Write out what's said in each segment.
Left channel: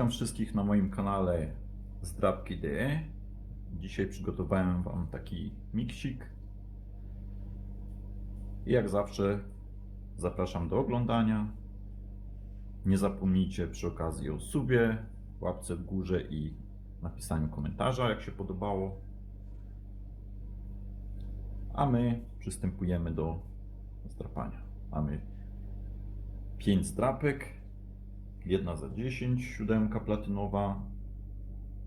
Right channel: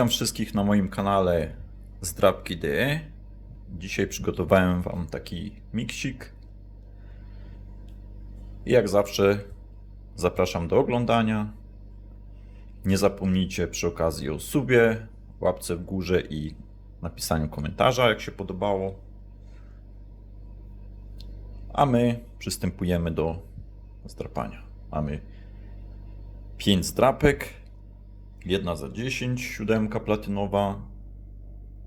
Witam wszystkich na moim kanale Zdrabki.de. Dzisiaj przygotowałem Wam taki miksik. I jak zawsze zapraszam do oglądania. Nie zapomnijcie przy okazji o subie, łapce w górze i napisaniu komentarza, jak się podobało. A my przystępujemy do zdrapania. Mamy 5 zdrapek. Jedna za 10, siódemka platynowa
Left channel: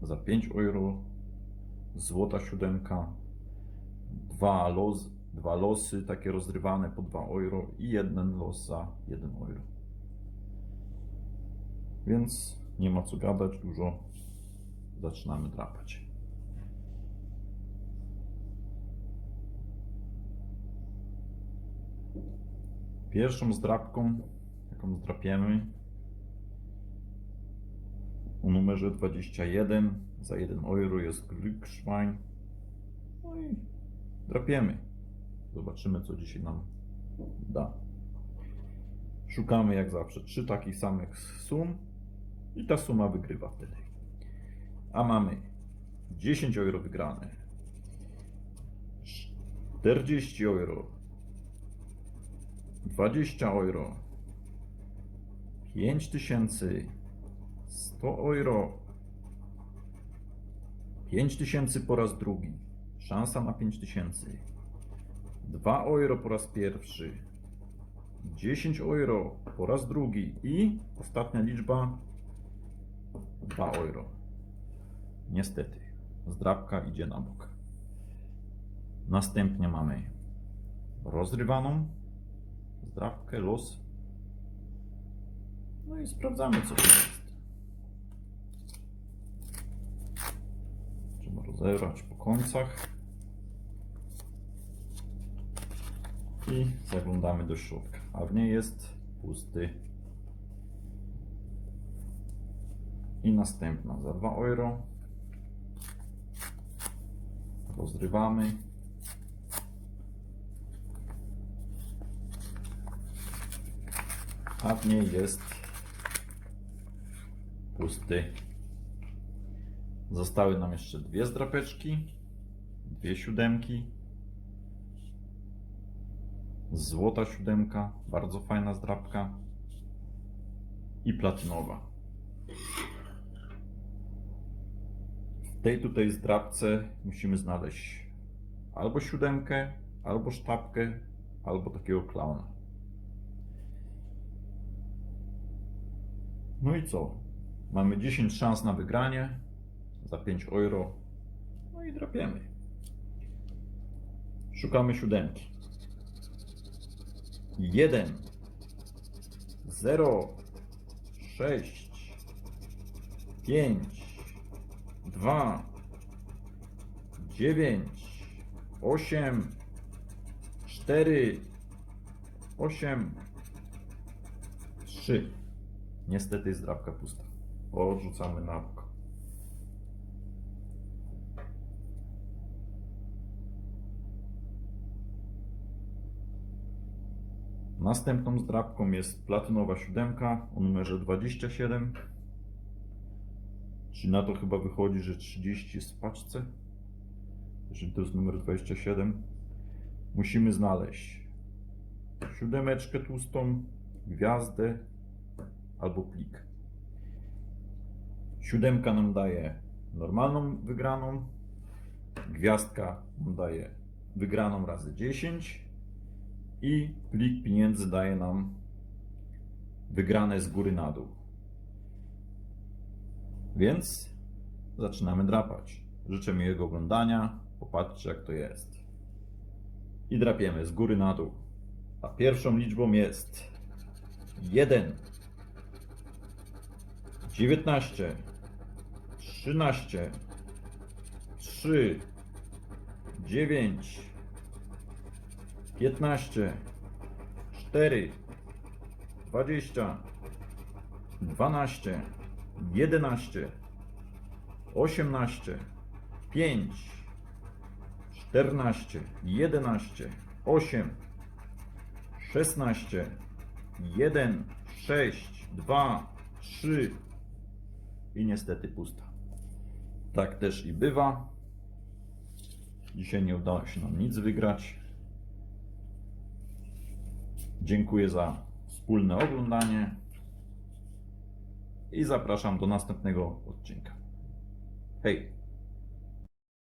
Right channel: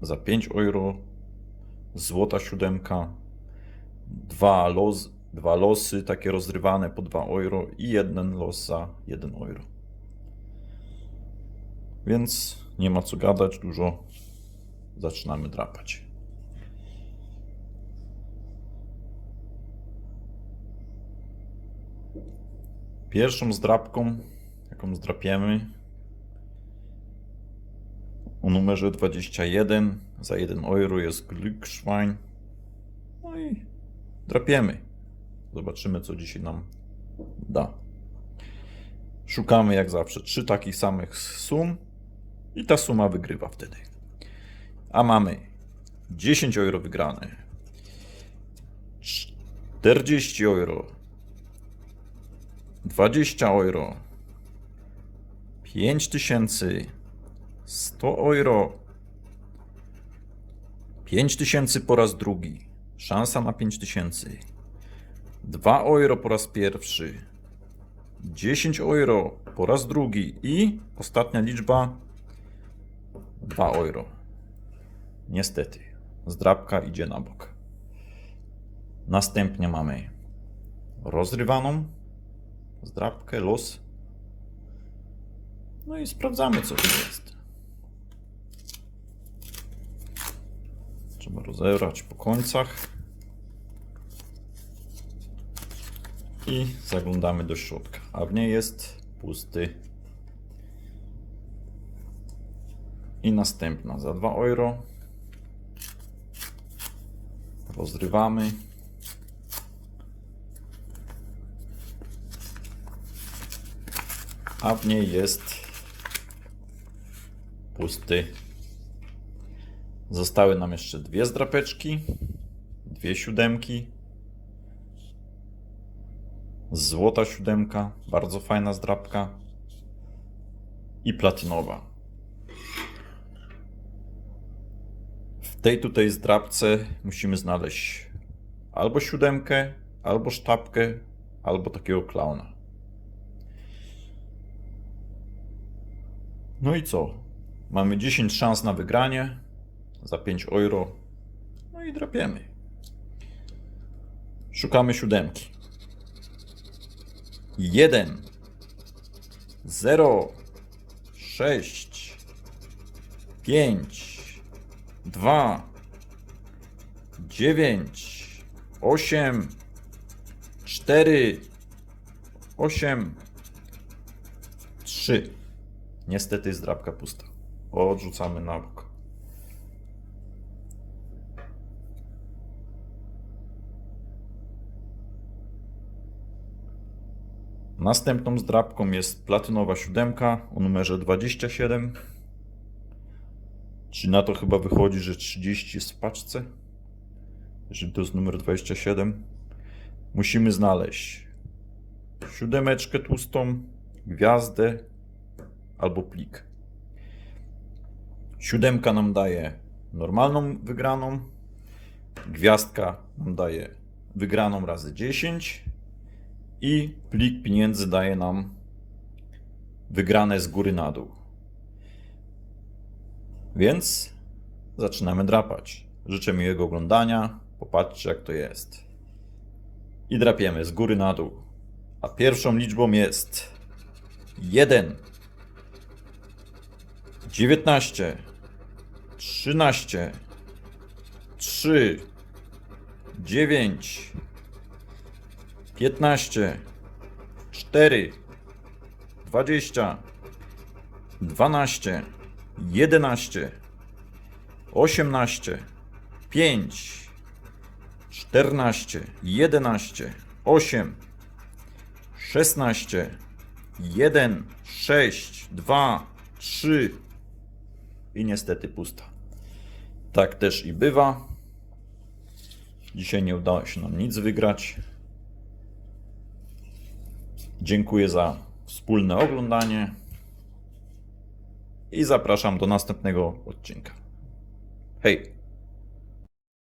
za 5 euro, złota siódemka, dwa, los, dwa losy takie rozrywane po 2 euro i jeden los za 1 euro. Więc nie ma co gadać dużo, zaczynamy drapać. Pierwszą zdrapką, jaką zdrapiemy, o numerze 21 za 1 euro jest Glückschwein. No i drapiemy. Zobaczymy, co dzisiaj nam da. Szukamy jak zawsze trzy takich samych sum i ta suma wygrywa wtedy. A mamy 10 euro wygrane, 40 euro, 20 euro, 5000 100 euro. 5000 po raz drugi. Szansa na 5000. 2 euro po raz pierwszy. 10 euro po raz drugi. I ostatnia liczba 2 euro. Niestety, zdrabka idzie na bok. Następnie mamy rozrywaną zdrabkę, los. No i sprawdzamy, co to jest. Rozebrać po końcach. I zaglądamy do środka. A w niej jest pusty. I następna za 2 euro. Rozrywamy. A w niej jest pusty. Zostały nam jeszcze dwie zdrapeczki, dwie siódemki. Złota siódemka, bardzo fajna zdrapka. I platynowa. W tej tutaj zdrapce musimy znaleźć albo siódemkę, albo sztabkę, albo takiego klauna. No i co? Mamy 10 szans na wygranie za 5 euro. No i drapiemy. Szukamy siódemki. 1 0 6 5 2 9 8 4 8 3 Niestety jest pusta. Odrzucamy na bok. Następną zdrabką jest platynowa siódemka o numerze 27. Czyli na to chyba wychodzi, że 30 jest w paczce. Jeżeli to jest numer 27. Musimy znaleźć siódemeczkę tłustą, gwiazdę albo plik. Siódemka nam daje normalną wygraną, gwiazdka nam daje wygraną razy 10 i plik pieniędzy daje nam wygrane z góry na dół. Więc zaczynamy drapać. Życzę miłego oglądania. Popatrzcie, jak to jest. I drapiemy z góry na dół. A pierwszą liczbą jest 1, 19, 13, 3, 9, 15, 4, 20, 12, 11, 18, 5, 14, 11, 8, 16, 1, 6, 2, 3, i niestety pusta. Tak też i bywa. Dzisiaj nie udało się nam nic wygrać. Dziękuję za wspólne oglądanie i zapraszam do następnego odcinka. Hej!